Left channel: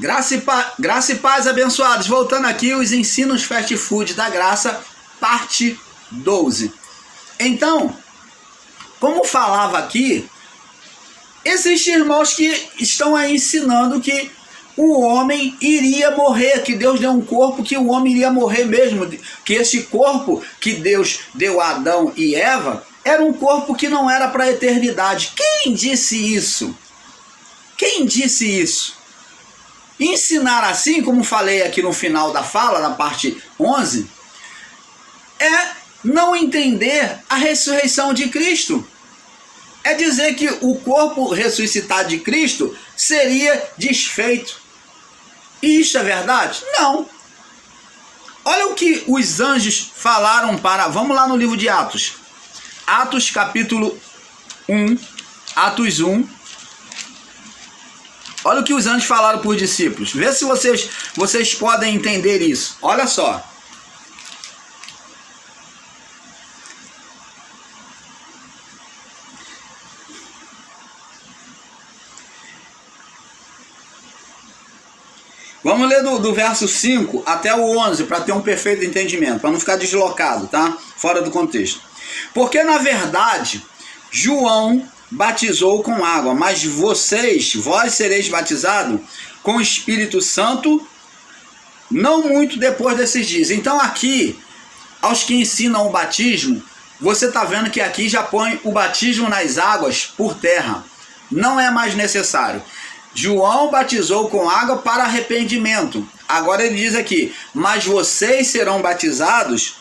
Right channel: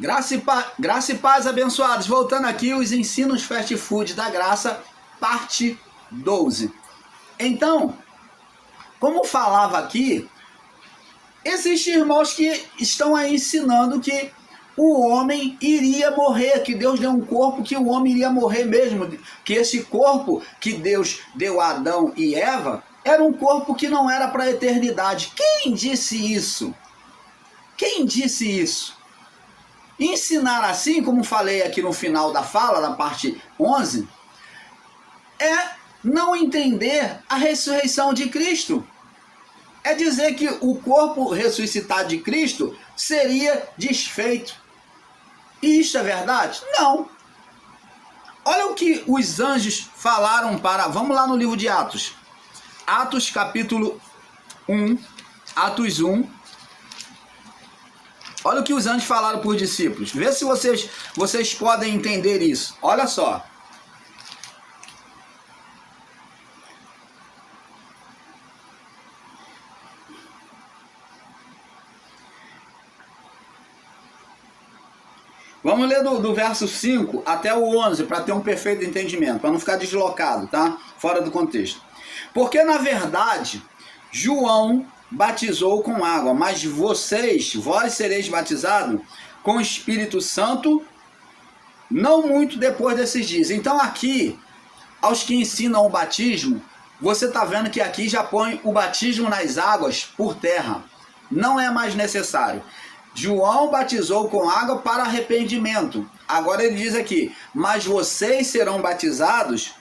Graça e paz, abençoados. Voltando aqui, os ensinos fast food da graça, parte 12. Então, como falava aqui, existem irmãos que estão aí ensinando que o homem iria morrer, que Deus deu um corpo que o homem iria morrer mesmo, que esse corpo que Deus deu a Adão e Eva era um corpo que não era para a eternidade. Quem disse isso? Quem disse isso? Ensinar assim, como falei aqui no final da fala, na parte 11, é não entender a ressurreição de Cristo. É dizer que o corpo ressuscitado de Cristo seria desfeito. E isso é verdade? Não. Olha o que os anjos falaram para... Vamos lá no livro de Atos. Atos capítulo 1. Atos 1. Olha o que os anjos falaram para os discípulos. Vê se vocês podem entender isso. Olha só. Vamos ler do verso 5 até o 11 para ter um perfeito entendimento, para não ficar deslocado, tá? Fora do contexto. Porque na verdade, João batizou com água, mas vós sereis batizados com o Espírito Santo não muito depois desses dias. Então aqui, aos que ensinam o batismo, você está vendo que aqui já põe o batismo nas águas por terra. Não é mais necessário. João batizou com água para arrependimento. Agora ele diz aqui, mas vocês serão batizados,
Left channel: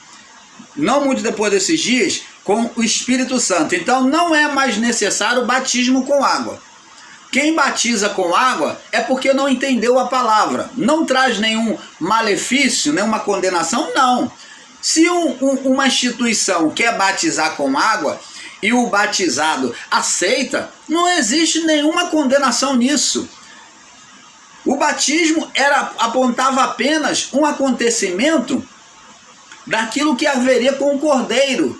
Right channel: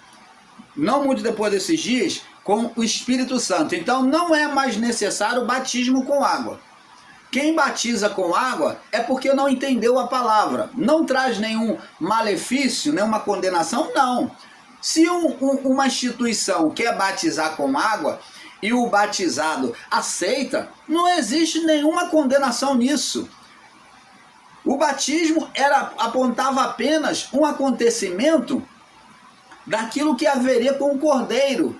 não muito depois desses dias, com o Espírito Santo. Então não é mais necessário o batismo com água. Quem batiza com água é porque não entendeu a palavra. Não traz nenhum malefício, nenhuma condenação, não. Se uma instituição quer batizar com água e o batizado aceita, não existe nenhuma condenação nisso. O batismo apontava apenas um acontecimento daquilo que haveria com o Cordeiro.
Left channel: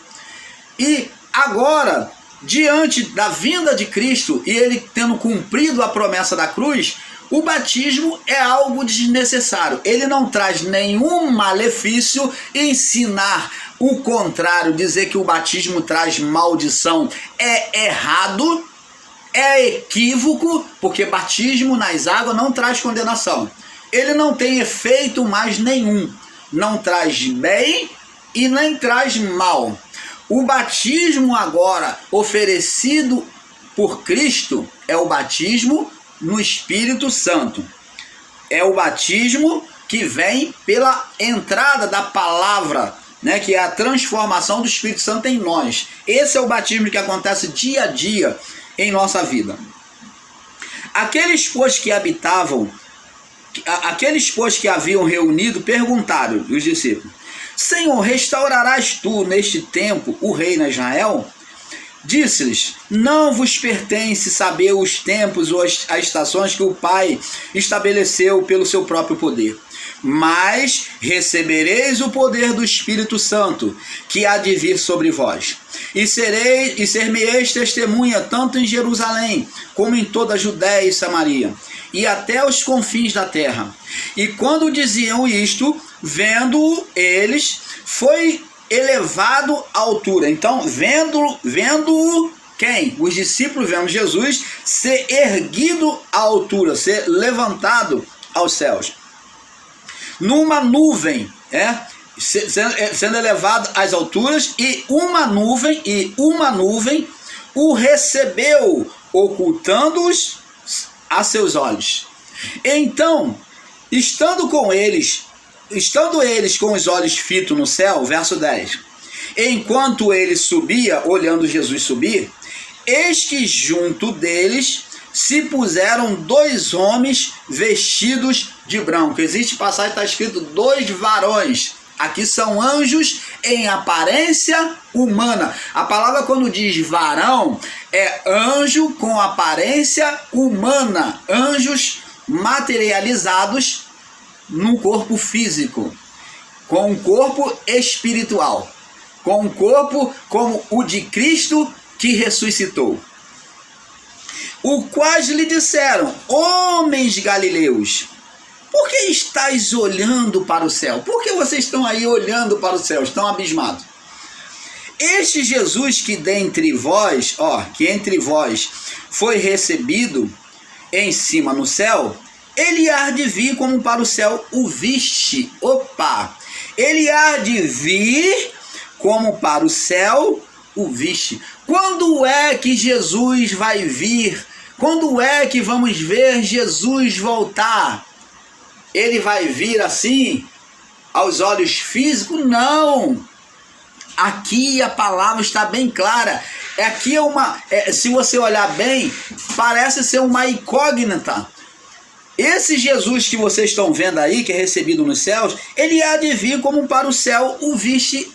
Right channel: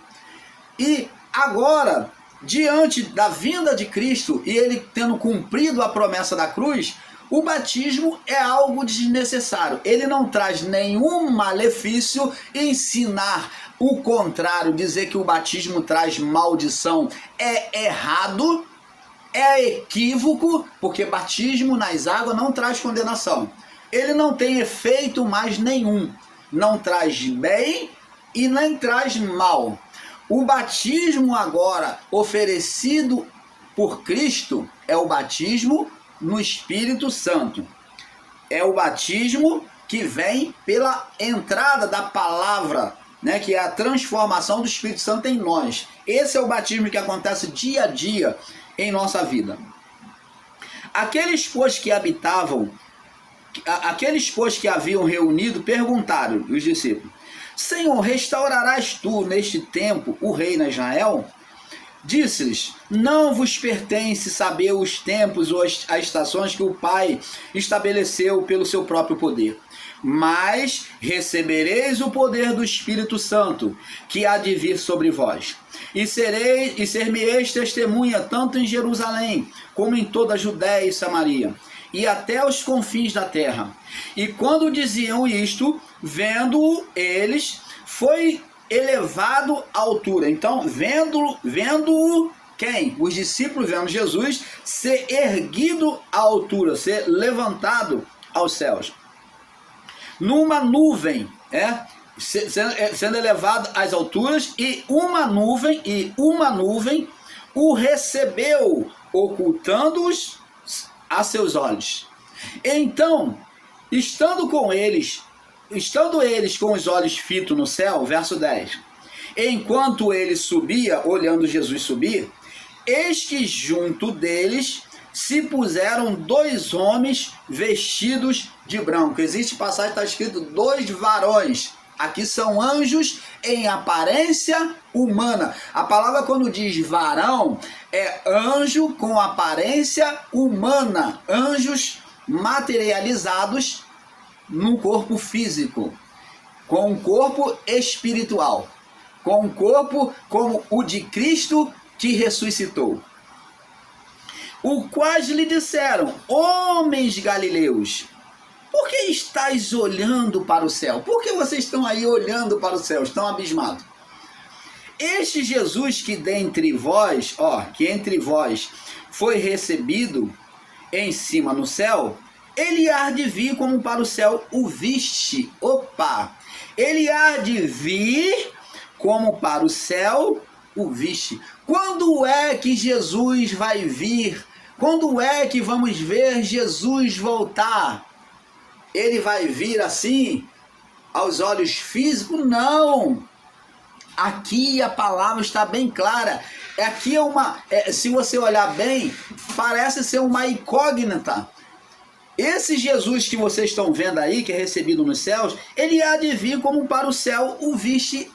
E agora, diante da vinda de Cristo e ele tendo cumprido a promessa da cruz, o batismo é algo desnecessário. Ele não traz nenhum malefício. Ensinar o contrário, dizer que o batismo traz maldição é errado, é equívoco, porque batismo nas águas não traz condenação. Ele não tem efeito mais nenhum. Não traz bem e nem traz mal. O batismo agora oferecido por Cristo é o batismo no Espírito Santo. É o batismo que vem pela entrada da palavra, né, que é a transformação do Espírito Santo em nós. Esse é o batismo que acontece dia a dia em nossa vida. Aqueles, pois, que haviam reunido, perguntaram os discípulos: Senhor, restaurarás tu neste tempo o reino a Israel? Disse-lhes: não vos pertence saber os tempos ou as estações que o Pai estabeleceu pelo seu próprio poder. Mas recebereis o poder do Espírito Santo, que há de vir sobre vós. E ser-me-eis testemunha tanto em Jerusalém, como em toda a Judéia e Samaria, e até os confins da terra. E quando diziam isto, vendo eles, foi elevado à altura. Então, vendo quem? Os discípulos vendo Jesus ser erguido à altura, ser levantado aos céus. Numa nuvem, sendo elevado às alturas, e uma nuvem o recebeu, ocultando-os a seus olhos. Então, estando eles com os olhos fitos no céu, verso 10, enquanto ele subia, olhando Jesus subir, eis que junto deles se puseram dois homens vestidos de branco. Existe passagem, está escrito dois varões. Aqui são anjos em aparência humana. A palavra quando diz varão é anjo com aparência humana. Anjos materializados num corpo físico, com um corpo espiritual, com um corpo como o de Cristo que ressuscitou. O quais lhe disseram: homens galileus, por que estáis olhando para o céu? Por que vocês estão aí olhando para o céu? Estão abismados. Este Jesus que dentre vós, que entre vós foi recebido em cima no céu, ele há de vir como para o céu o viste. Ele há de vir como para o céu o viste. Quando é que Jesus vai vir? Quando é que vamos ver Jesus voltar? Ele vai vir assim, aos olhos físicos? Não. Aqui a palavra está bem clara. Aqui se você olhar bem, parece ser uma incógnita. Esse Jesus que vocês estão vendo aí, que é recebido nos céus, ele há de vir como para o céu o viste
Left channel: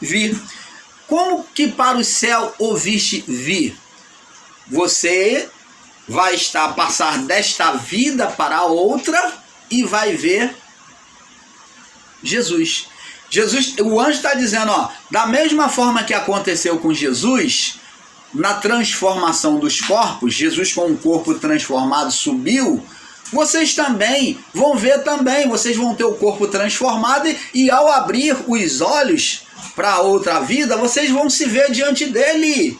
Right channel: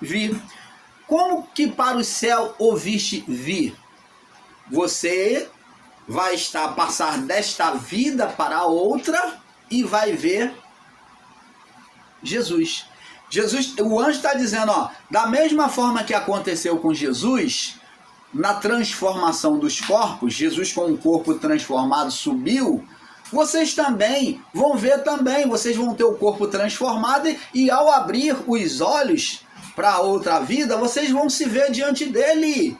vir. Como que para o céu o viste vir? Você vai passar desta vida para outra e vai ver Jesus. O anjo está dizendo, da mesma forma que aconteceu com Jesus, na transformação dos corpos, Jesus com um corpo transformado subiu, vocês também vão ver também, vocês vão ter o corpo transformado e ao abrir os olhos para outra vida, vocês vão se ver diante dele.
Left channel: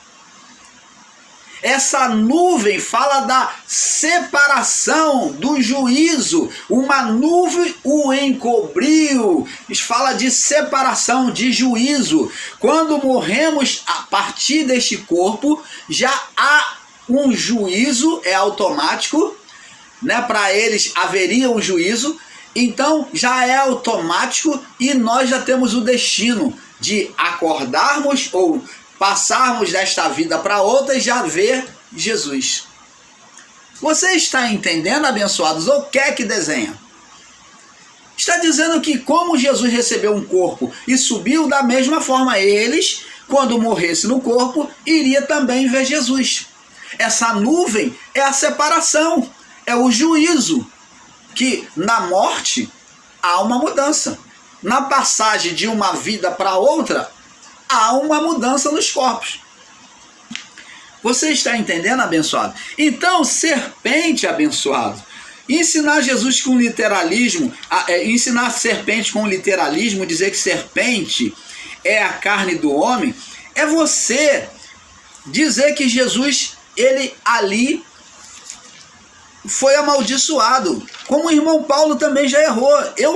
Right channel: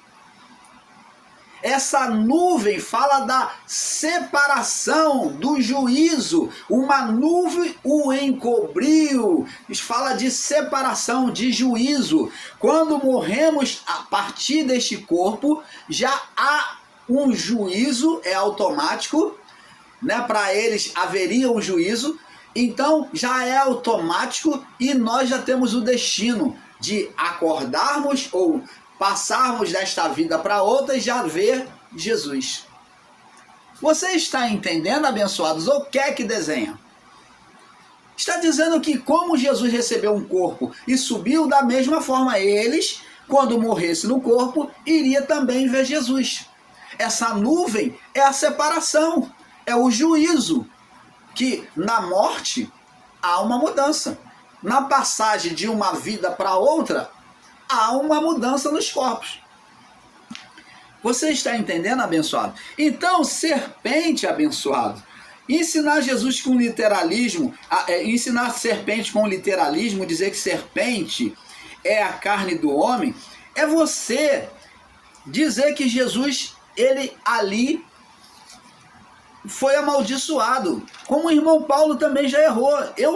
Essa nuvem fala da separação, do juízo. Uma nuvem o encobriu. Fala de separação, de juízo. Quando morremos a partir deste corpo, já há um juízo, é automático, né? Para eles haveria um juízo, então já é automático e nós já temos o destino de acordarmos ou passarmos desta vida para outra e já ver Jesus. Você está entendendo, abençoados? O que é que desenha? Está dizendo que como Jesus recebeu um corpo e subiu, da mesma forma eles, quando morresse no corpo, iria também ver Jesus. Essa nuvem é a separação, é o juízo, que na morte há uma mudança. Na passagem de uma vida para outra, há uma mudança nos corpos. Você está entendendo, abençoado? Então, serpente, abençoado, ensinar Jesus com literalismo, ensinar serpente com literalismo, dizer que serpente é a carne do homem, é você dizer que Jesus, ele ali foi amaldiçoado, como o irmão Paulo também já errou. Eu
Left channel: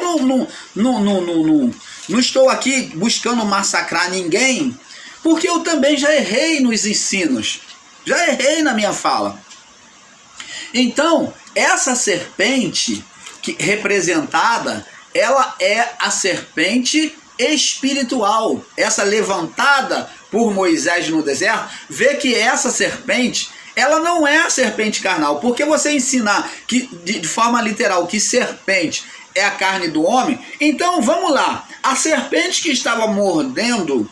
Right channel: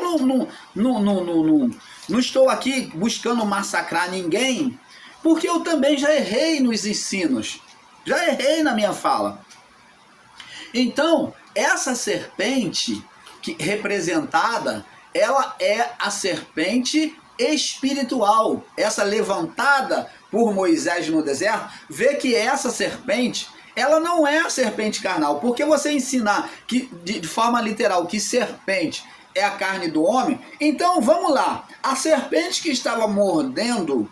não estou aqui buscando massacrar ninguém, porque eu também já errei nos ensinos, já errei na minha fala. Então, essa serpente representada, ela é a serpente espiritual, essa levantada por Moisés no deserto. Vê que essa serpente, ela não é a serpente carnal, porque você ensinar que, de forma literal, que serpente é a carne do homem, então vamos lá, a serpente que estava mordendo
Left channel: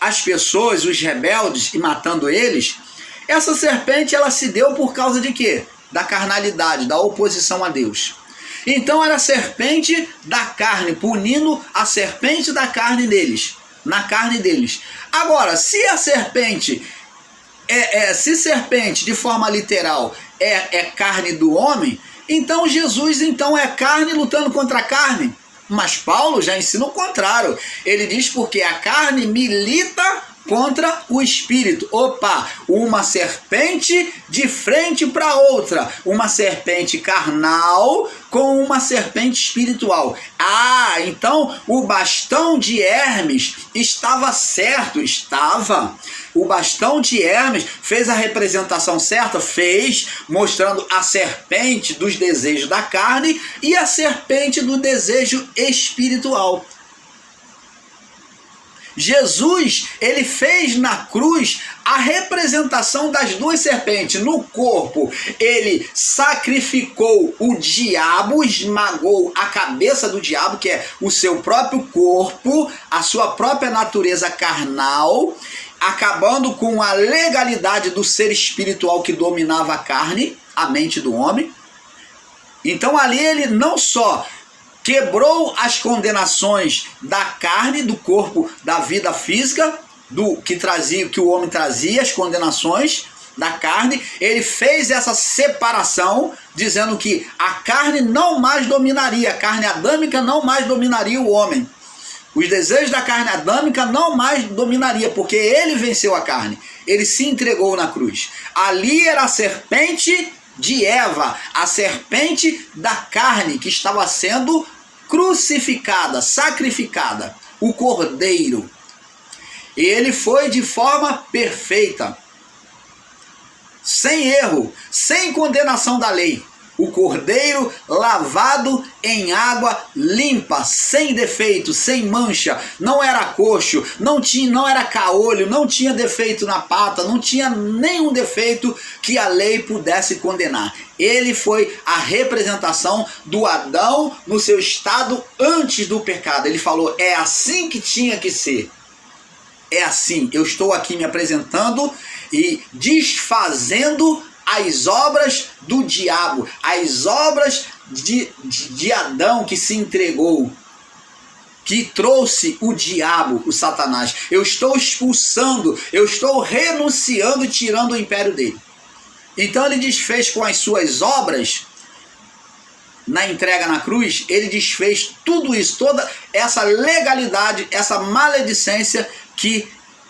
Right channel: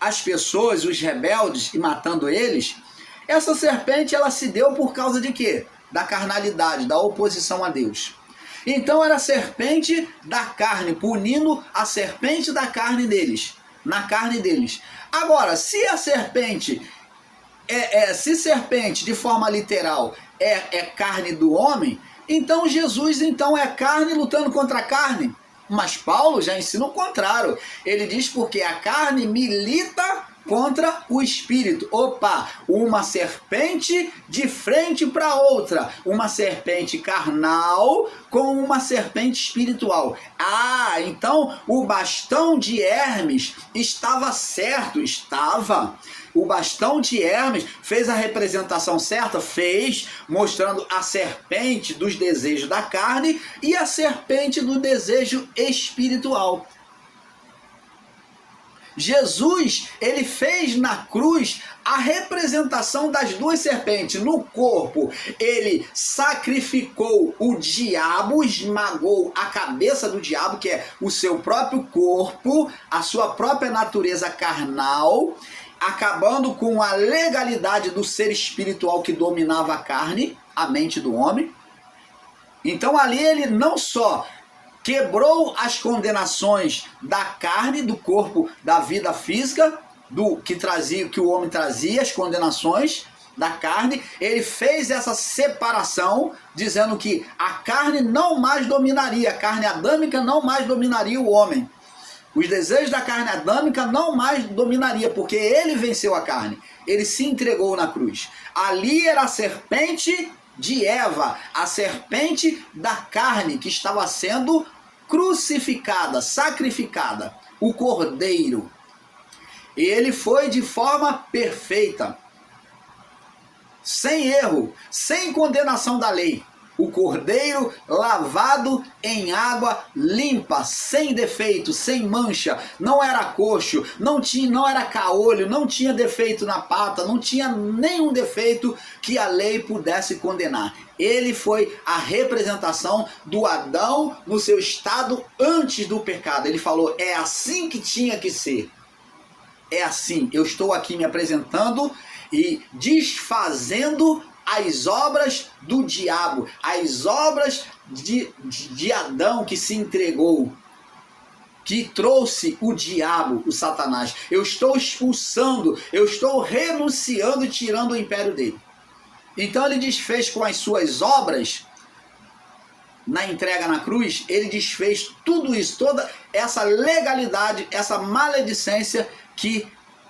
as pessoas, os rebeldes, e matando eles, essa serpente ela se deu por causa de quê? Da carnalidade, da oposição a Deus. Então era a serpente da carne, punindo a serpente da carne deles, na carne deles. Agora, se a serpente se serpente de forma literal é carne do homem, então Jesus então é carne lutando contra a carne. Mas Paulo já ensina o contrário. Ele diz porque a carne milita contra o espírito. Uma serpente de frente para outra. Uma serpente carnal com uma serpente espiritual. Então o bastão de Hermes estava certo, estava. O bastão de Hermes fez a representação certa, mostrando a serpente dos desejos da carne e a serpente do desejo espiritual. Jesus, ele fez na cruz a representação das duas serpentes. No corpo, ele sacrificou o diabo, esmagou a cabeça do diabo, que é o seu próprio corpo, a sua própria natureza carnal, acabando com a legalidade do ser espiritual que dominava a carne, a mente do homem. Então ali ele não só quebrou as condenações da carne, do corpo, da vida física, que o homem trazia, as condenações, da carne, ele fez essa separação, dizendo que a carne não mais dominaria, a carne adâmica não mais dominaria o homem. Os desejos da carne adâmica não mais dominaria, porque ele venceu a carne. Ele se entregou na cruz. Ali era a serpente de Eva, a serpente da carne que estava sendo crucificada, sacrificada, o cordeiro. Ele foi de forma perfeita, sem erro, sem condenação da lei. O cordeiro lavado em água limpa, sem defeito, sem mancha, não era coxo, não era caolho, não tinha defeito na pata, não tinha nenhum defeito que a lei pudesse condenar. Ele foi a representação do Adão no seu estado antes do pecado. Ele falou, é assim que tinha que ser. É assim, eu estou aqui me apresentando e desfazendo as obras do diabo, as obras de Adão que se entregou, que trouxe o diabo, o Satanás. Eu estou expulsando, eu estou renunciando e tirando o império dele. Então ele desfez com as suas obras, na entrega na cruz, ele desfez tudo isso, toda essa legalidade, essa maledicência que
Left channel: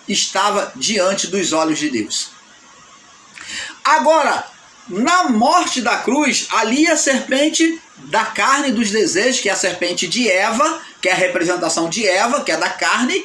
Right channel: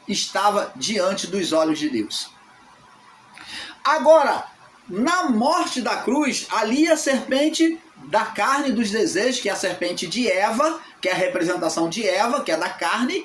estava diante dos olhos de Deus. Agora, na morte da cruz, ali a serpente da carne dos desejos, que é a serpente de Eva, que é a representação de Eva, que é da carne,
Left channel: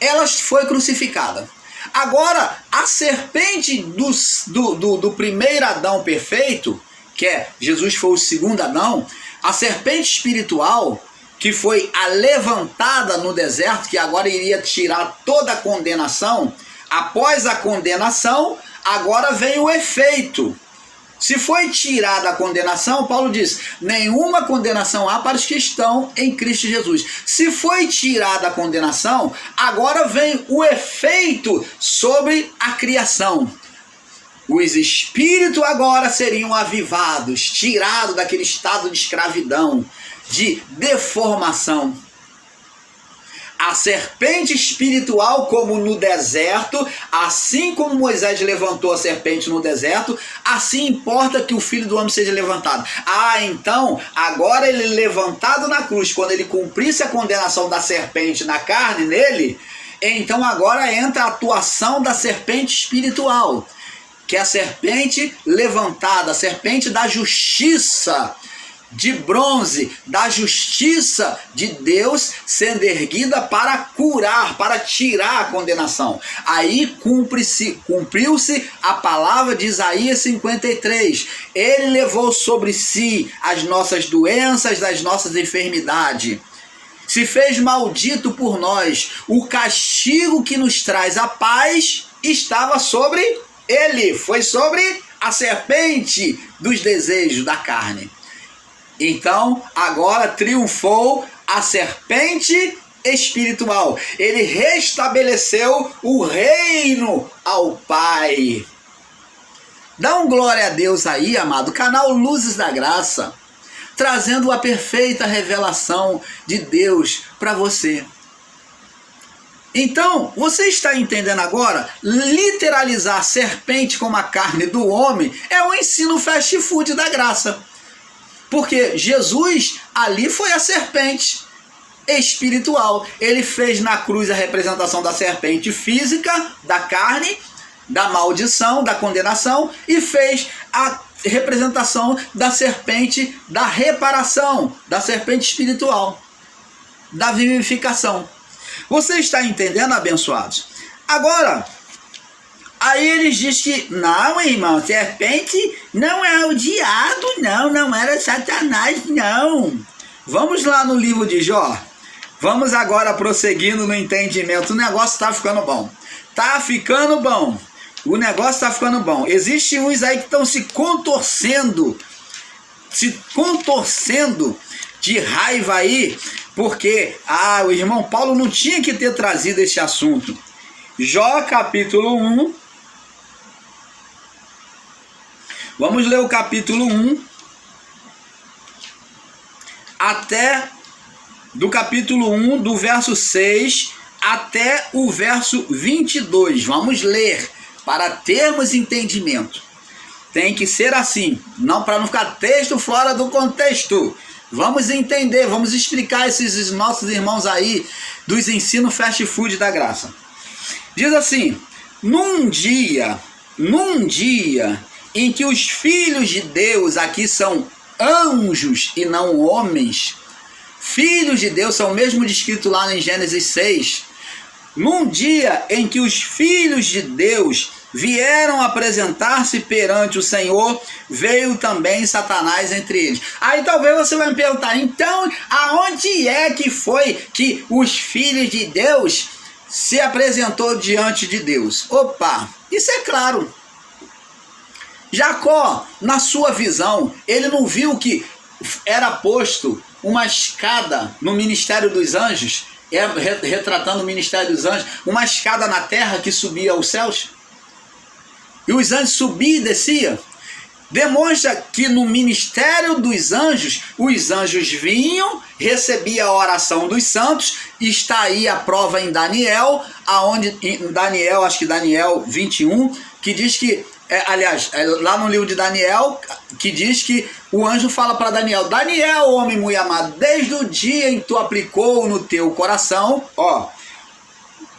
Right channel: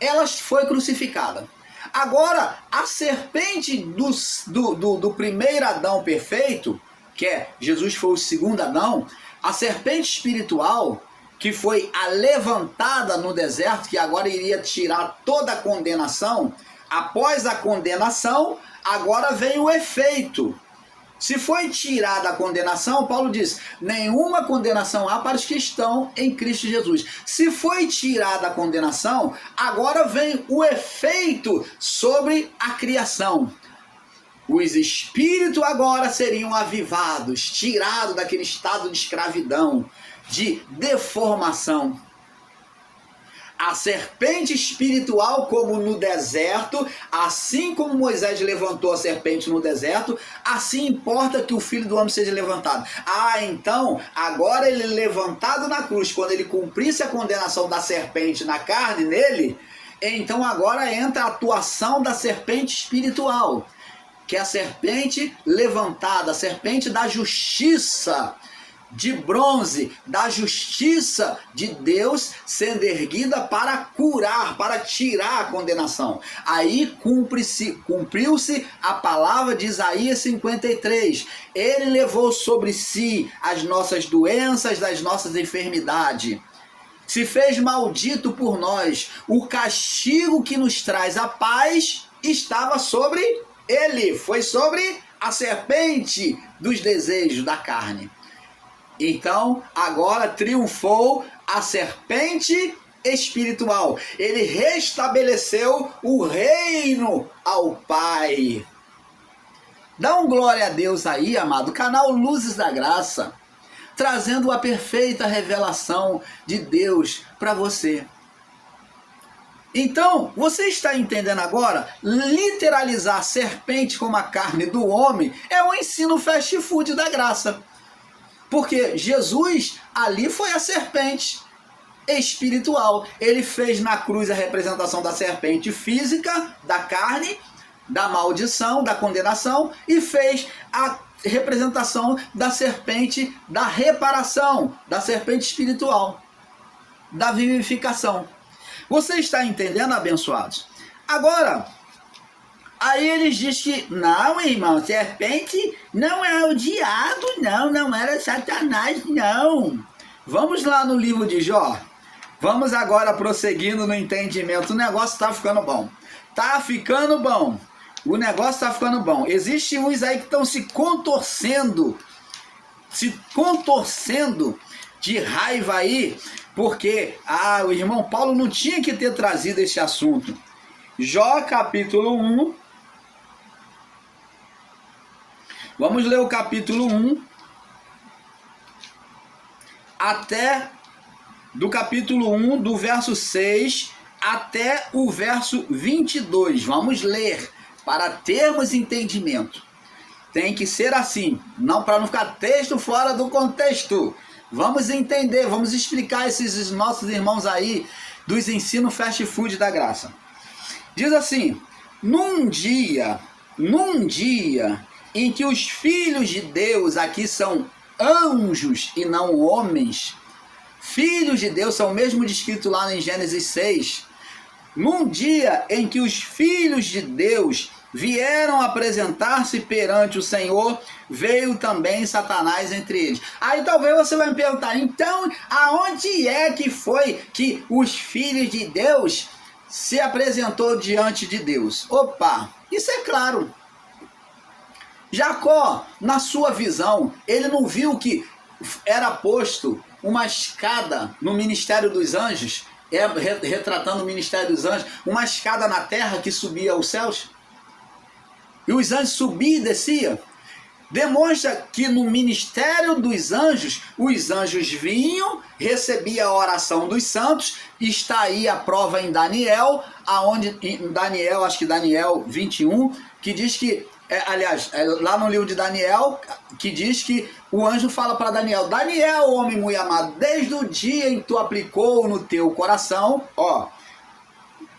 ela foi crucificada. Agora, a serpente do primeiro Adão perfeito, que é Jesus foi o segundo Adão, a serpente espiritual, que foi a levantada no deserto, que agora iria tirar toda a condenação, após a condenação, agora vem o efeito. Se foi tirada a condenação, Paulo diz, nenhuma condenação há para os que estão em Cristo Jesus. Se foi tirada a condenação, agora vem o efeito sobre a criação. Os espíritos agora seriam avivados, tirados daquele estado de escravidão, de deformação. A serpente espiritual, como no deserto, assim como Moisés levantou a serpente no deserto, assim importa que o Filho do Homem seja levantado. Então, agora ele levantado na cruz, quando ele cumprisse a condenação da serpente na carne nele, então agora entra a atuação da serpente espiritual, que é a serpente levantada, a serpente da justiça, de bronze, da justiça de Deus sendo erguida para para tirar a condenação. Aí cumpriu-se a palavra de Isaías 53. Ele levou sobre si as nossas doenças, as nossas enfermidades. Se fez maldito por nós. O castigo que nos traz a paz estava sobre ele. Foi sobre a serpente dos desejos da carne. Então, agora triunfou a serpente espiritual. Ele restabeleceu o reino ao Pai. Dá um glória a Deus aí, amado. Canal Luzes da Graça, trazendo a perfeita revelação de Deus para você. Então, você está entendendo agora? Literalizar a serpente como a carne do homem é um ensino fast food da graça. Porque Jesus ali foi a serpente espiritual. Ele fez na cruz a representação da serpente física, da carne, da maldição, da condenação, e fez a representação da serpente da reparação, da serpente espiritual, da vivificação. Você está entendendo, abençoados? Agora, aí eles dizem que, não, irmão, serpente não é o diabo, não era Satanás, não. Vamos lá no livro de Jó. Vamos agora prosseguindo no entendimento. O negócio está ficando bom. Tá ficando bom. O negócio está ficando bom. Existem uns aí que estão se contorcendo de raiva aí, porque o irmão Paulo não tinha que ter trazido esse assunto. Jó capítulo 1. Vamos ler o capítulo 1 até do capítulo 1, do verso 6 até o verso 22. Vamos ler para termos entendimento. Tem que ser assim, não para não ficar texto fora do contexto. Vamos entender, vamos explicar esses nossos irmãos aí dos ensinos fast food da graça. Diz assim: num dia em que os filhos de Deus, aqui são anjos e não homens, filhos de Deus são mesmo descrito lá em Gênesis 6, num dia em que os filhos de Deus vieram apresentar-se perante o Senhor, veio também Satanás entre eles. Aí talvez você vai me perguntar, então aonde é que foi que os filhos de Deus se apresentou diante de Deus? Opa, isso é claro. Jacó, na sua visão, ele não viu que era posto uma escada no ministério dos anjos, retratando o ministério dos anjos, uma escada na terra que subia aos céus? E os anjos subiam e desciam. Demonstra que no ministério dos anjos, os anjos vinham, recebiam a oração dos santos, e está aí a prova em Daniel, acho que Daniel 21, que diz que, lá no livro de Daniel, que diz que o anjo fala para Daniel: Daniel, homem muito amado, desde o dia em que tu aplicou no teu coração,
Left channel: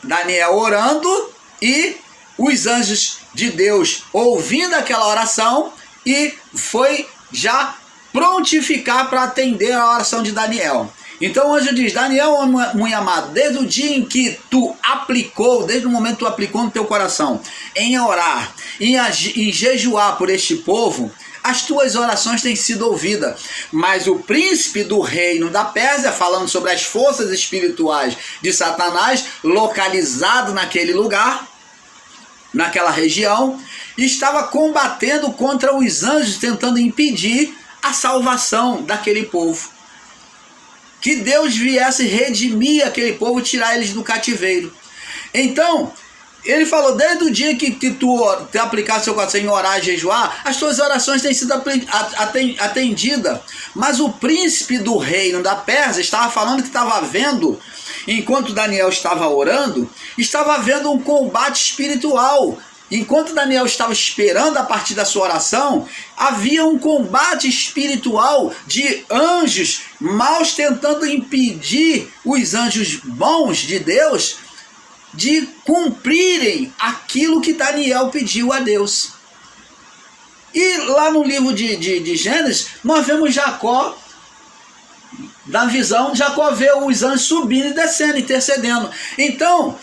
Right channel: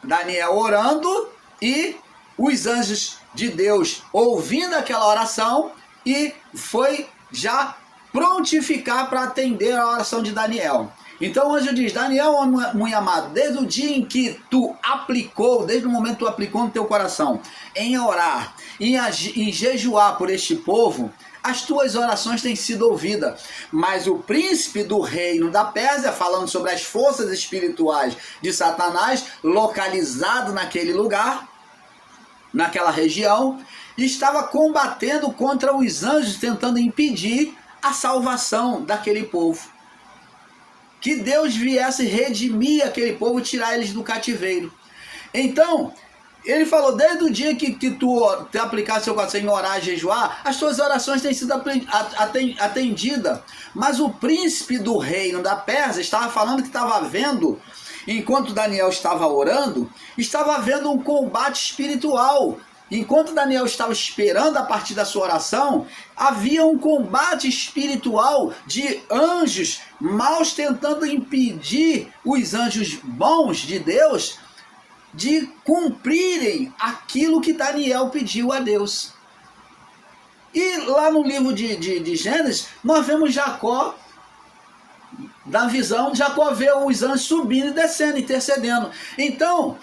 Daniel orando, e os anjos de Deus ouvindo aquela oração, e foi já prontificar para atender a oração de Daniel. Então o anjo diz: Daniel, muito amado, desde o dia em que tu aplicou, desde o momento que tu aplicou no teu coração, em orar, em jejuar por este povo, as tuas orações têm sido ouvidas. Mas o príncipe do reino da Pérsia, falando sobre as forças espirituais de Satanás, localizado naquele lugar, naquela região, estava combatendo contra os anjos, tentando impedir a salvação daquele povo. Que Deus viesse redimir aquele povo, tirar eles do cativeiro. Então, ele falou: desde o dia que tu aplicaste seu coração em orar e jejuar, as tuas orações têm sido atendidas. Mas o príncipe do reino da Pérsia estava falando que estava vendo, enquanto Daniel estava orando, estava havendo um combate espiritual. Enquanto Daniel estava esperando a partir da sua oração, havia um combate espiritual de anjos maus tentando impedir os anjos bons de Deus de cumprirem aquilo que Daniel pediu a Deus. E lá no livro de Gênesis, nós vemos Jacó, na visão, Jacó vê os anjos subindo e descendo, intercedendo. Então,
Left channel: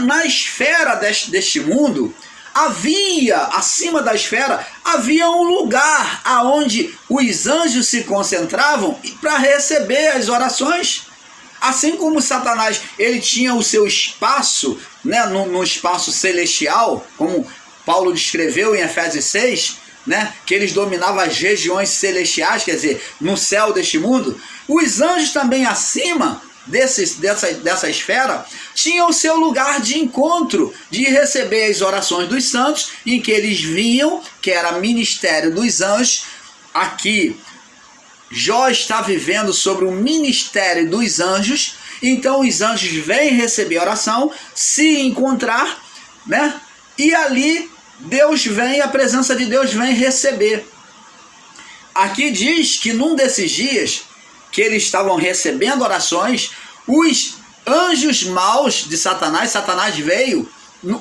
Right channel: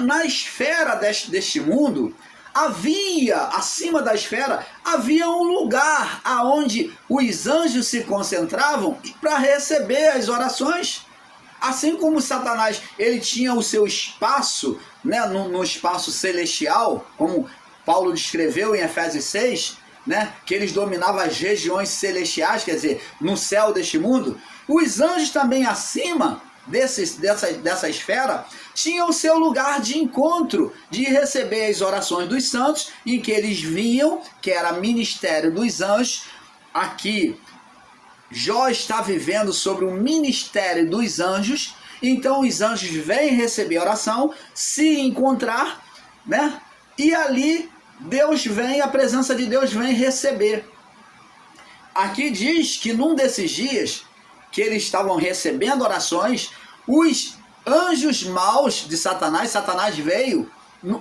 na esfera deste mundo, havia, acima da esfera, havia um lugar aonde os anjos se concentravam para receber as orações. Assim como Satanás, ele tinha o seu espaço, né, no espaço celestial, como Paulo descreveu em Efésios 6, né, que eles dominavam as regiões celestiais, quer dizer, no céu deste mundo. Os anjos também acima dessa esfera tinham o seu lugar de encontro, de receber as orações dos santos, em que eles vinham, que era ministério dos anjos. Aqui Jó está vivendo sobre o ministério dos anjos, então os anjos vêm receber oração, se encontrar, né? E ali Deus vem, a presença de Deus vem receber. Aqui diz que num desses dias que eles estavam recebendo orações, os anjos maus de Satanás veio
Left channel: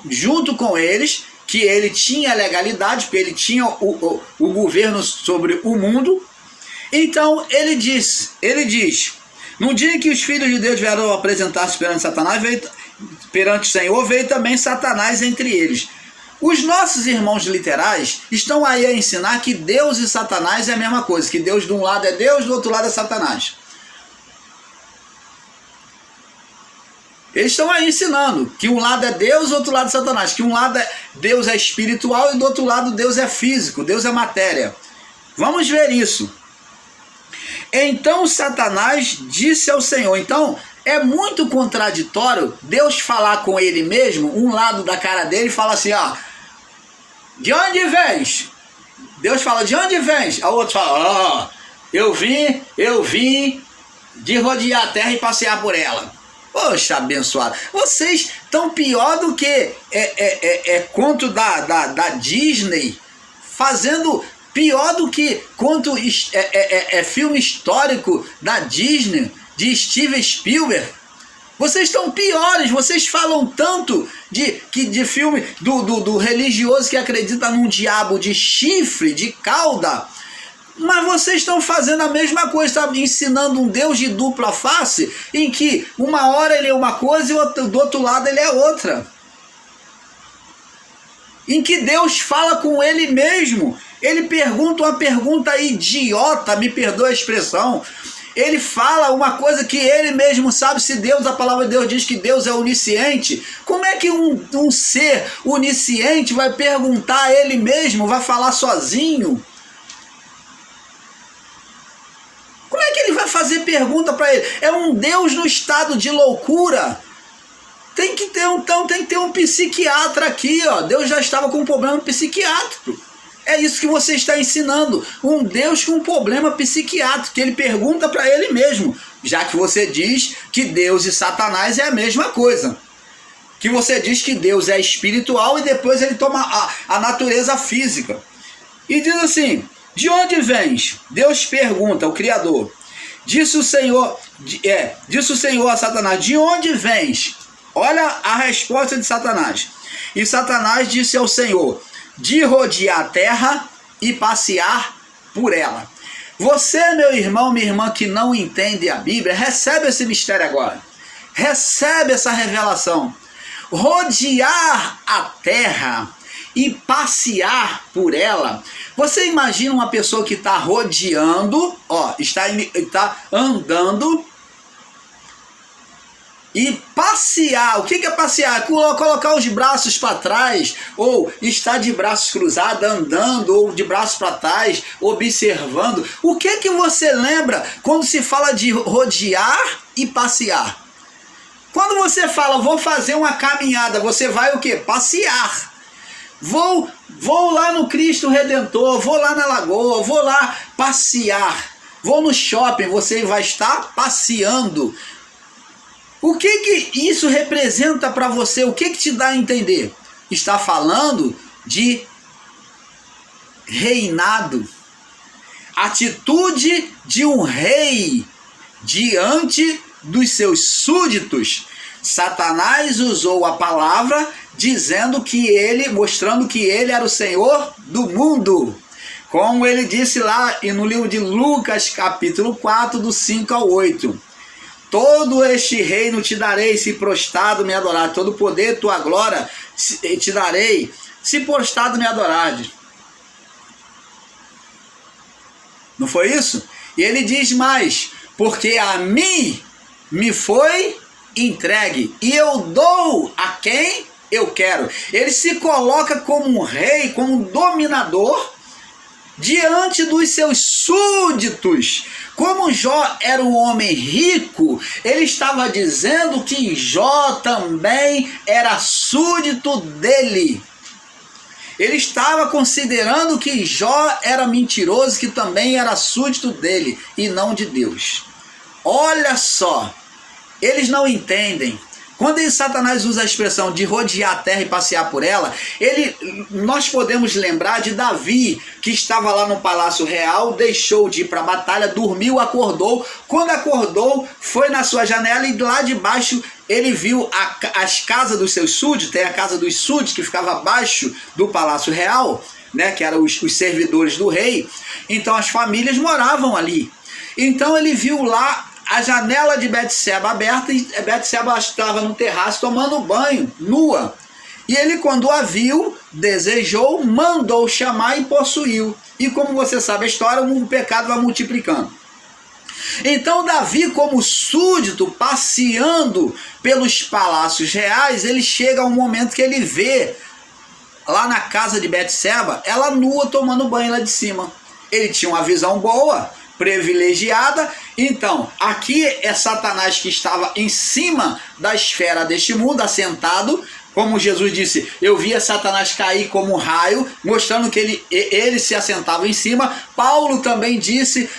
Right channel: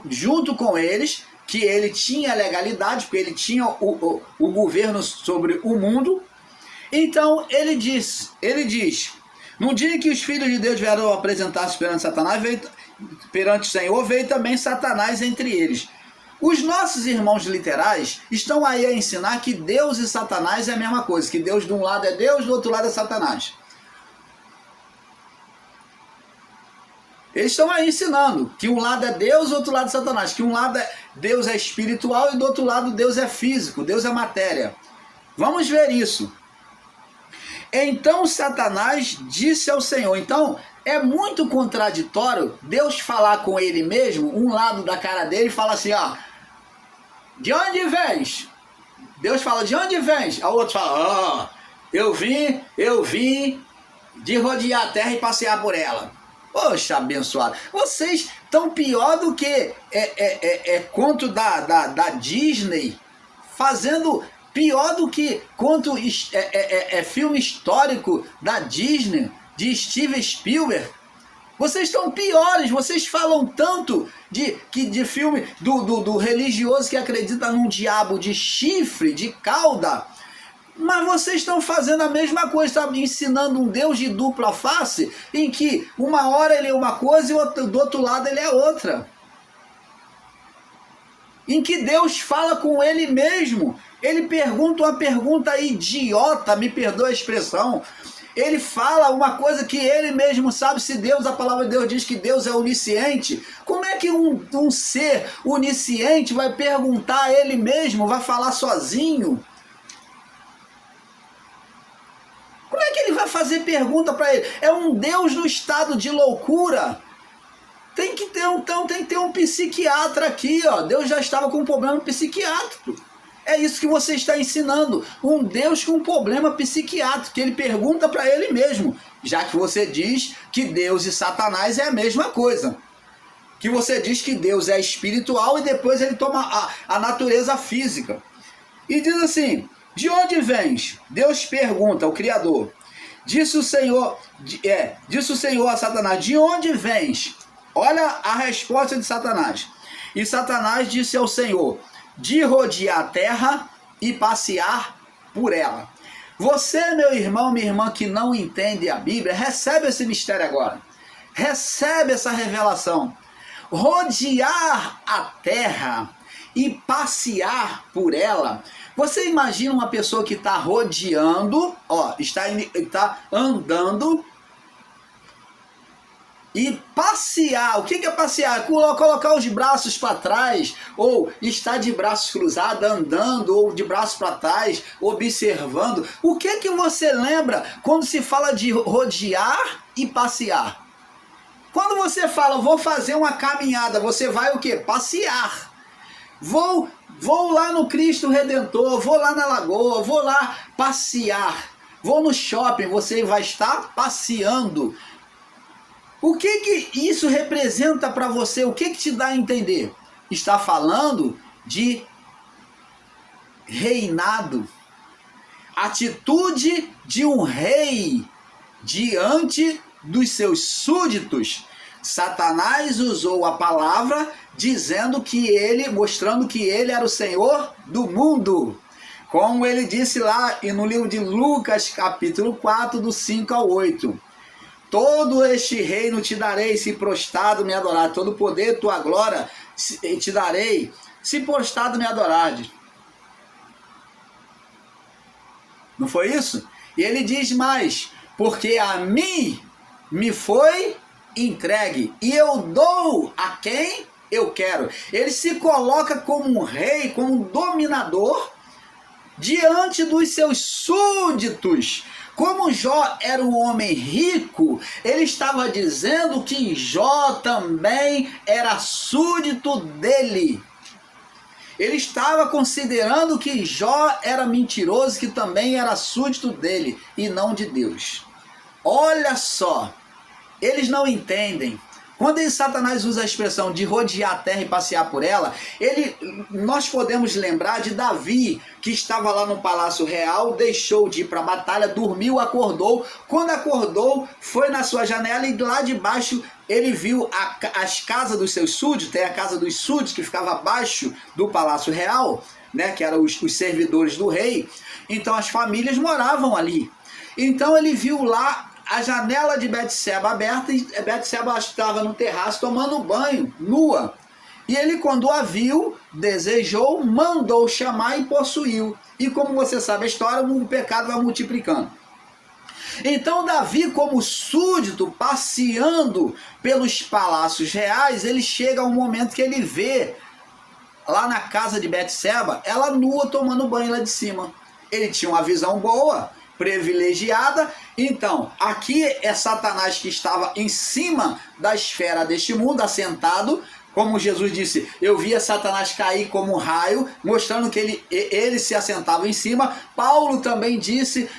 junto com eles, que ele tinha legalidade, porque ele tinha o governo sobre o mundo. Então ele diz, no dia em que os filhos de Deus vieram apresentar-se perante Satanás, perante o Senhor, veio também Satanás entre eles. Os nossos irmãos literais estão aí a ensinar que Deus e Satanás é a mesma coisa, que Deus de um lado é Deus, do outro lado é Satanás. Eles estão aí ensinando que um lado é Deus, do outro lado é Satanás, que um lado Deus é espiritual e do outro lado Deus é físico, Deus é matéria. Vamos ver isso. Então Satanás disse ao Senhor. Então é muito contraditório Deus falar com ele mesmo, um lado da cara dele, e fala assim: de onde vens? Deus fala: de onde vens? A outro fala: eu vim de rodear a terra e passear por ela. Poxa, abençoado. Vocês estão pior do que conto da Disney, fazendo pior do que conto filme histórico da Disney, de Steven Spielberg. Vocês estão piores, vocês falam tanto de filme do religioso que acredita num diabo de chifre, de cauda, mas vocês estão fazendo a mesma coisa, estão ensinando um Deus de dupla face, em que uma hora ele é uma coisa e do outro lado ele é outra. Em que Deus fala com ele mesmo. Ele pergunta uma pergunta idiota, me perdoa a expressão. Ele fala uma coisa que ele mesmo sabe. Se Deus, a palavra de Deus diz que Deus é onisciente, como é que um ser onisciente vai perguntar a ele mesmo, vai falar sozinho? Como é que ele vai fazer pergunta para ele? É um Deus no estado de loucura. Tem que ter um psiquiatra aqui, ó. Deus já estava com um problema psiquiátrico. É isso que você está ensinando. Um Deus com um problema psiquiátrico, que ele pergunta para ele mesmo. Já que você diz que Deus e Satanás é a mesma coisa. Que você diz que Deus é espiritual e depois ele toma a natureza física. E diz assim: de onde vens? Deus pergunta ao Criador. Disse o Senhor a Satanás: de onde vens? Olha a resposta de Satanás. E Satanás disse ao Senhor: de rodear a terra e passear por ela. Você, meu irmão, minha irmã, que não entende a Bíblia, recebe esse mistério agora. Recebe essa revelação. Rodear a terra e passear por ela. Você imagina uma pessoa que está rodeando, ó, está andando, e passear. O que é passear? Colocar os braços para trás, ou estar de braços cruzados, andando, ou de braços para trás, observando. O que você lembra quando se fala de rodear e passear? Quando você fala, vou fazer uma caminhada, você vai o quê? Passear. Vou lá no Cristo Redentor, vou lá na Lagoa, vou lá passear. Vou no shopping, você vai estar passeando. O que isso representa para você? O que te dá a entender? Está falando de reinado. Atitude de um rei diante dos seus súditos. Satanás usou a palavra mostrando que ele era o Senhor do mundo. Como ele disse lá no livro de Lucas, capítulo 4, do 5 ao 8. Todo este reino te darei, se prostrado me adorar. Todo poder, tua glória te darei, se prostrado me adorares. Não foi isso? E ele diz mais: porque a mim me foi entregue, e eu dou a quem eu quero. Ele se coloca como um rei, como um dominador, diante dos seus súditos. Como Jó era um homem rico, ele estava dizendo que Jó também era súdito dele. Ele estava considerando que Jó era mentiroso, que também era súdito dele e não de Deus. Olha só, eles não entendem. Quando Satanás usa a expressão de rodear a terra e passear por ela, nós podemos lembrar de Davi, que estava lá no palácio real, deixou de ir para a batalha, dormiu, acordou. Quando acordou, foi na sua janela e lá de baixo ele viu as casas dos seus súditos. Tem a casa dos súditos que ficava abaixo do palácio real, né, que eram os servidores do rei. Então as famílias moravam ali. Então ele viu lá a janela de Betseba aberta, e Betseba estava no terraço tomando banho, nua. E ele, quando a viu, desejou, mandou chamar e possuiu. E como você sabe a história, o pecado vai multiplicando. Então Davi, como súdito, passeando pelos palácios reais, ele chega a um momento que ele vê lá na casa de Betseba, ela nua tomando banho lá de cima. Ele tinha uma visão boa, privilegiada. Então, aqui é Satanás que estava em cima da esfera deste mundo, assentado, Como Jesus disse, eu via Satanás cair como um raio, mostrando que ele se assentava em cima. Paulo também disse,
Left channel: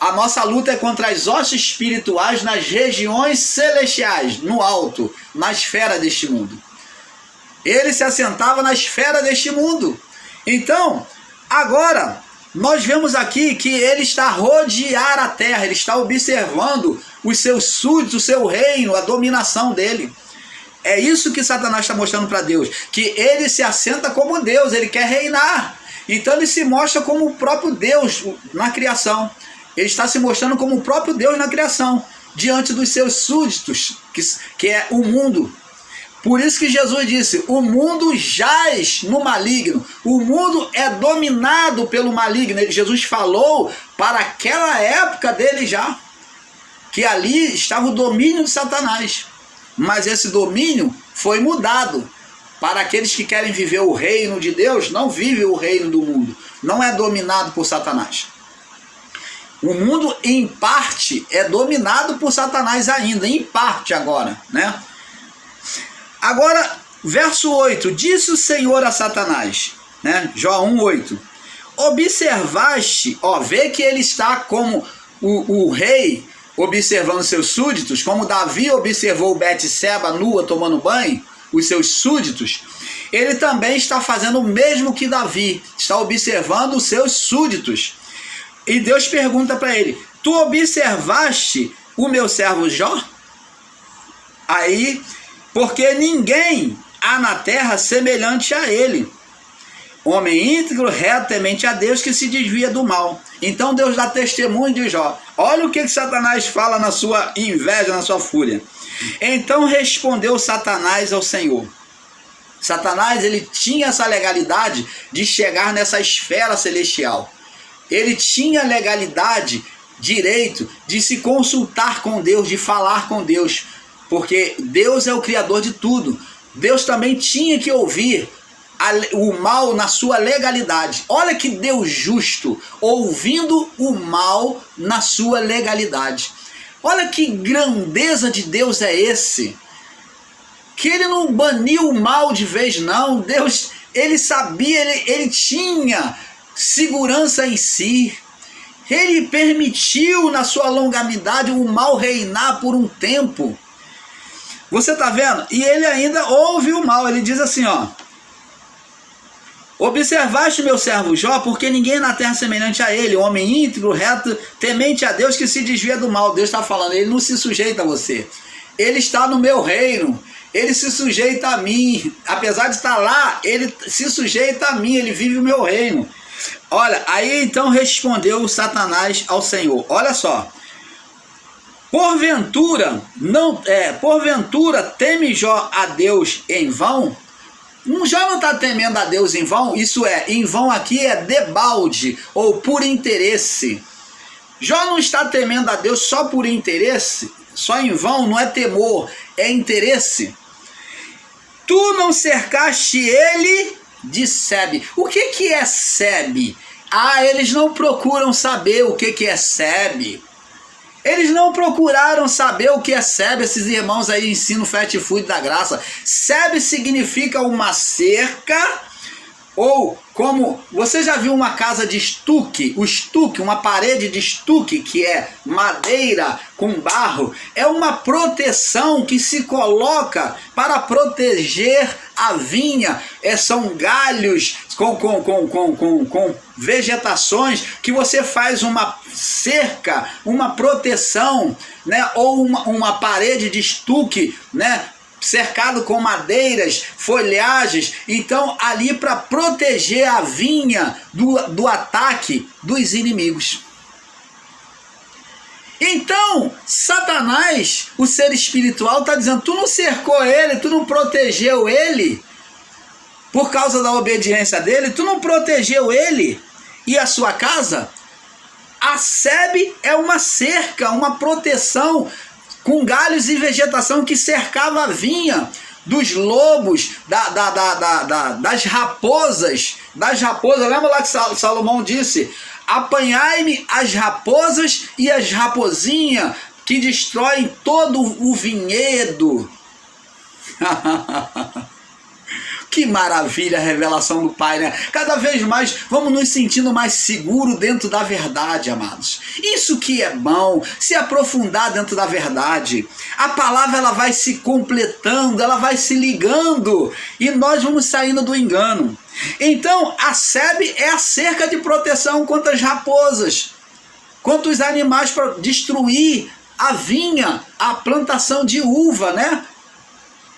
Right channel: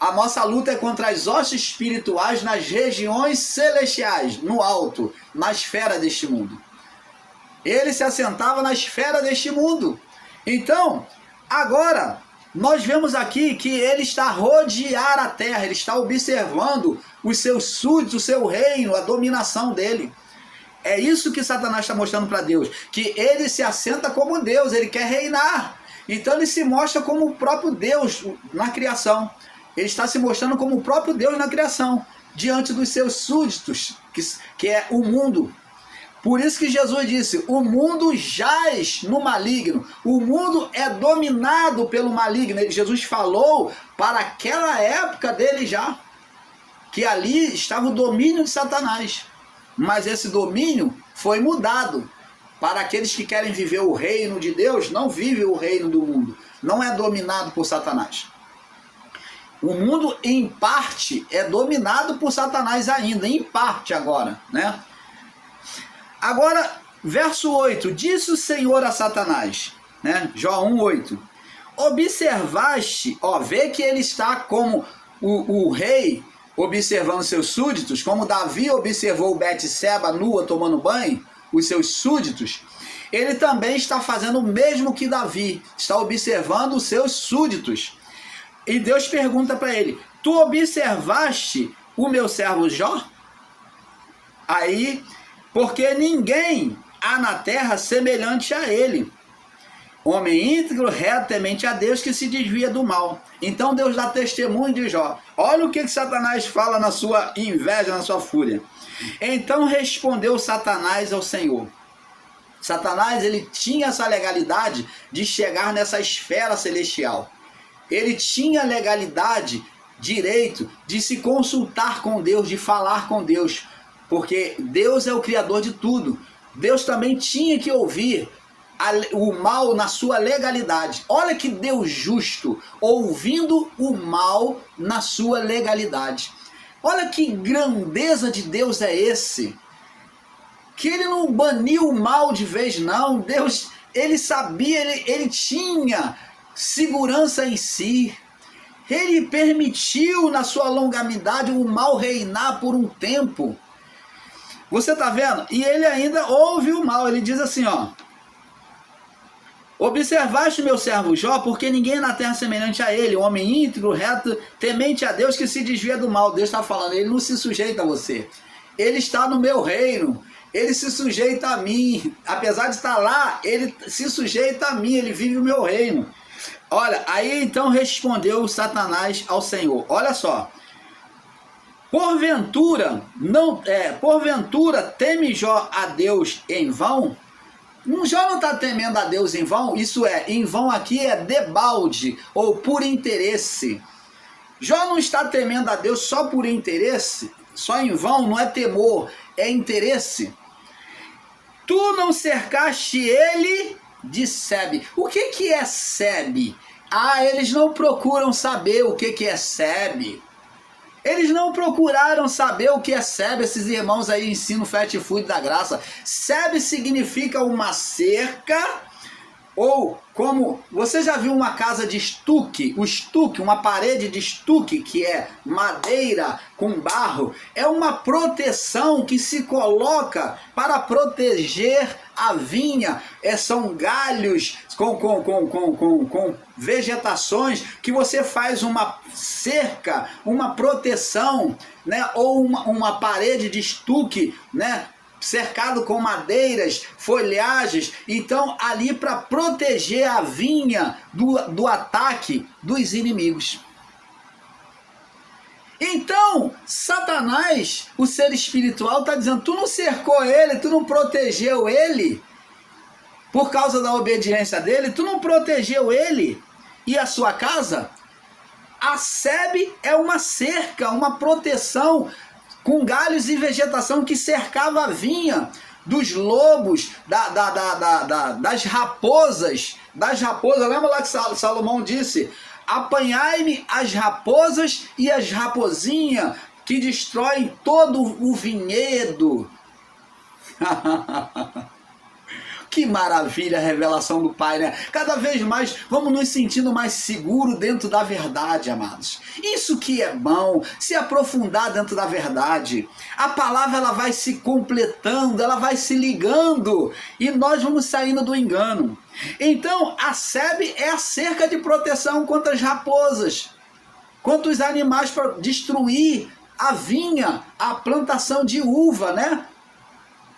a nossa luta é contra as hostes espirituais nas regiões celestiais, no alto, na esfera deste mundo. Ele se assentava na esfera deste mundo. Então, agora, nós vemos aqui que ele está a rodear a terra, ele está observando os seus súditos, o seu reino, a dominação dele. É isso que Satanás está mostrando para Deus, que ele se assenta como Deus, ele quer reinar. Então ele se mostra como o próprio Deus na criação. Ele está se mostrando como o próprio Deus na criação, diante dos seus súditos, que é o mundo. Por isso que Jesus disse, o mundo jaz no maligno, o mundo é dominado pelo maligno. Jesus falou para aquela época dele já, que ali estava o domínio de Satanás. Mas esse domínio foi mudado para aqueles que querem viver o reino de Deus, não vivem o reino do mundo, não é dominado por Satanás. O mundo, em parte, é dominado por Satanás ainda, em parte agora, né? Agora, verso 8, disse o Senhor a Satanás, né? Jó 1:8, observaste, vê que ele está como o rei, observando seus súditos, como Davi observou Betseba nua tomando banho, os seus súditos, ele também está fazendo o mesmo que Davi, está observando os seus súditos. E Deus pergunta para ele, tu observaste o meu servo Jó? Aí, porque ninguém há na terra semelhante a ele, homem íntegro, reto, temente a Deus, que se desvia do mal. Então Deus dá testemunho de Jó. Olha o que Satanás fala na sua inveja, na sua fúria. Então respondeu Satanás ao Senhor. Satanás, ele tinha essa legalidade de chegar nessa esfera celestial. Ele tinha legalidade, direito de se consultar com Deus, de falar com Deus, porque Deus é o criador de tudo. Deus também tinha que ouvir o mal na sua legalidade. Olha que Deus justo, ouvindo o mal na sua legalidade. Olha que grandeza de Deus é esse, que ele não baniu o mal de vez, não. Deus, ele sabia, ele tinha segurança em si. Ele permitiu na sua longanimidade o mal reinar por um tempo. Você está vendo? E ele ainda ouve o mal. Ele diz assim, observaste meu servo Jó, porque ninguém na terra é semelhante a ele, homem íntegro, reto, temente a Deus, que se desvia do mal. Deus está falando, ele não se sujeita a você. Ele está no meu reino, ele se sujeita a mim. Apesar de estar lá, ele se sujeita a mim, ele vive o meu reino. Olha, aí então respondeu Satanás ao Senhor. Olha só. Porventura teme Jó a Deus em vão? Jó não está temendo a Deus em vão, isso é, em vão aqui é debalde ou por interesse. Jó não está temendo a Deus só por interesse, só em vão, não é temor, é interesse. Tu não cercaste ele de Sebe. O que é Sebe? Eles não procuram saber o que é Sebe. Eles não procuraram saber o que é Sebe. Esses irmãos aí ensinam o fast food da graça. Sebe significa uma cerca, ou como, você já viu uma casa de estuque? O estuque, uma parede de estuque, que é madeira com barro, é uma proteção que se coloca para proteger a vinha. São galhos com vegetações que você faz uma cerca, uma proteção, né? Ou uma parede de estuque, né? Cercado com madeiras, folhagens. Então ali para proteger a vinha do ataque dos inimigos. Então Satanás, o ser espiritual, está dizendo, tu não cercou ele, tu não protegeu ele por causa da obediência dele, tu não protegeu ele e a sua casa. A Sebe é uma cerca, uma proteção com galhos e vegetação que cercava a vinha dos lobos, das raposas. Lembra lá que Salomão disse, apanhai-me as raposas e as rapozinhas que destroem todo o vinhedo. Que maravilha a revelação do Pai, né? Cada vez mais vamos nos sentindo mais seguros dentro da verdade, amados. Isso que é bom, se aprofundar dentro da verdade. A palavra ela vai se completando, ela vai se ligando e nós vamos saindo do engano. Então, a sebe é a cerca de proteção contra as raposas, contra os animais para destruir a vinha, a plantação de uva, né?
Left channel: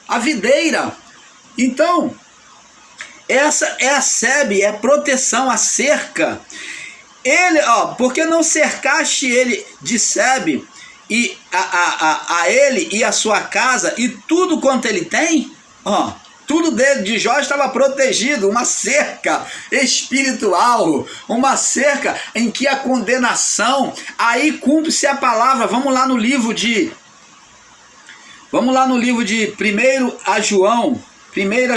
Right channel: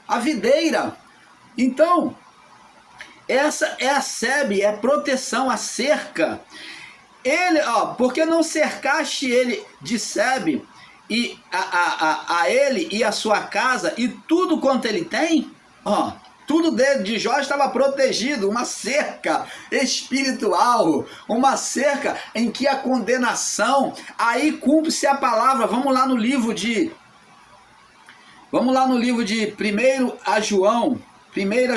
A videira. Então, essa é a sebe, é a proteção, a cerca. Ele, porque não cercaste ele de sebe e a ele e a sua casa e tudo quanto ele tem? Tudo dele de Jó estava protegido, uma cerca espiritual, uma cerca em que a condenação, aí cumpre-se a palavra. Vamos lá no livro de 1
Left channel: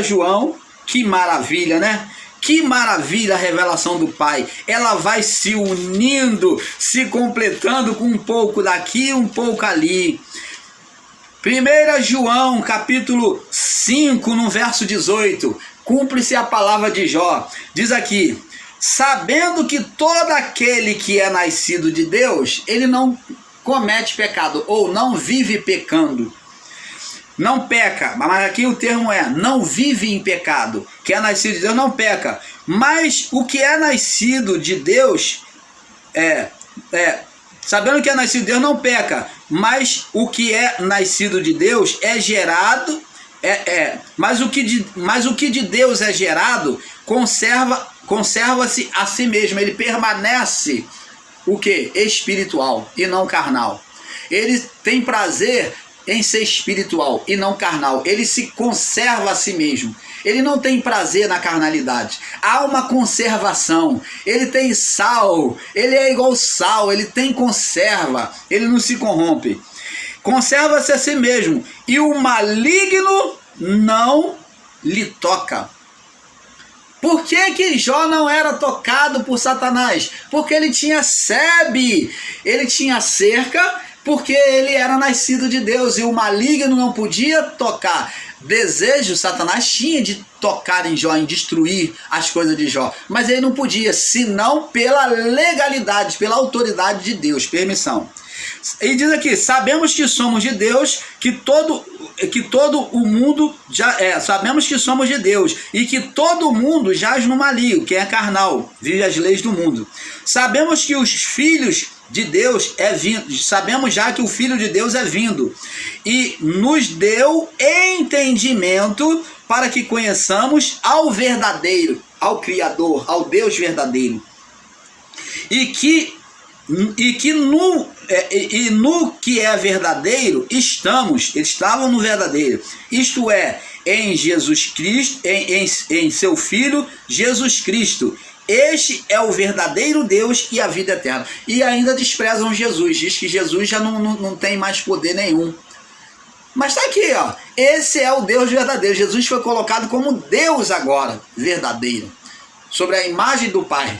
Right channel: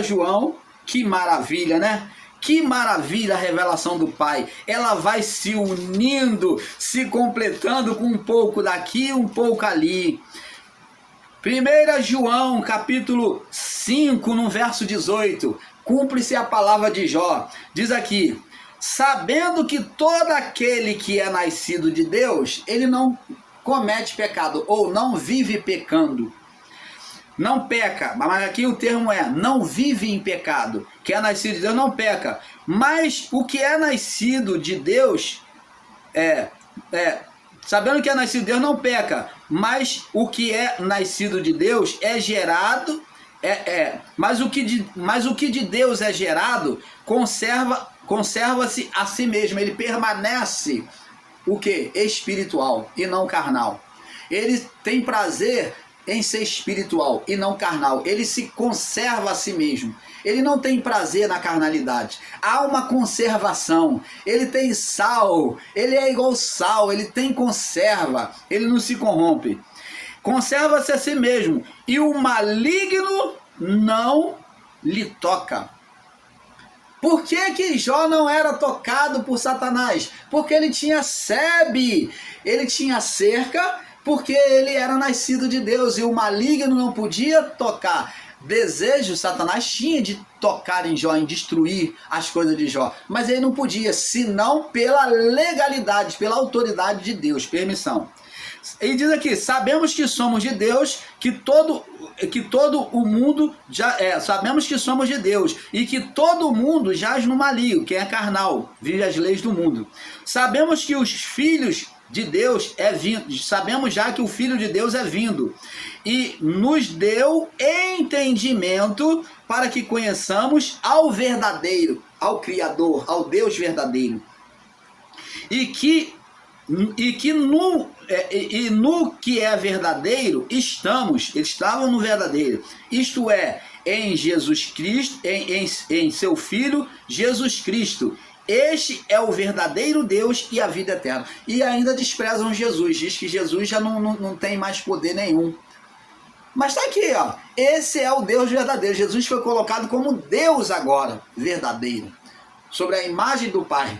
João, que maravilha, né? Que maravilha a revelação do Pai. Ela vai se unindo, se completando com um pouco daqui, um pouco ali. 1 João, capítulo 5, no verso 18. Cumpre-se a palavra de Jó. Diz aqui: sabendo que todo aquele que é nascido de Deus, ele não comete pecado, ou não vive pecando. Não peca, mas aqui o termo é não vive em pecado. Que é nascido de Deus não peca. Mas o que é nascido de Deus sabendo que é nascido de Deus não peca. Mas o que é nascido de Deus é gerado, mas o que de Deus é gerado conserva-se a si mesmo. Ele permanece o que? Espiritual e não carnal. Ele tem prazer em ser espiritual e não carnal. Ele se conserva a si mesmo. Ele não tem prazer na carnalidade. Há uma conservação. Ele tem sal. Ele é igual sal. Ele tem conserva. Ele não se corrompe. Conserva-se a si mesmo. E o maligno não lhe toca. Por que Jó não era tocado por Satanás? Porque ele tinha sebe. Ele tinha cerca, porque ele era nascido de Deus e o maligno não podia tocar. Desejo Satanás tinha de tocar em Jó, em destruir as coisas de Jó, mas ele não podia, senão pela legalidade, pela autoridade de Deus, permissão. E diz aqui: sabemos que somos de Deus, que todo o mundo sabemos que somos de Deus e que todo mundo jaz no maligno, que é carnal, vive as leis do mundo. Sabemos que os filhos de Deus é vindo, sabemos já que o Filho de Deus é vindo e nos deu entendimento para que conheçamos ao verdadeiro, ao Criador, ao Deus verdadeiro, no que é verdadeiro eles estavam no verdadeiro, isto é, em Jesus Cristo, em seu Filho Jesus Cristo. Este é o verdadeiro Deus e a vida eterna. E ainda desprezam Jesus. Diz que Jesus já não tem mais poder nenhum. Mas está aqui, esse é o Deus verdadeiro. Jesus foi colocado como Deus agora, verdadeiro, sobre a imagem do Pai.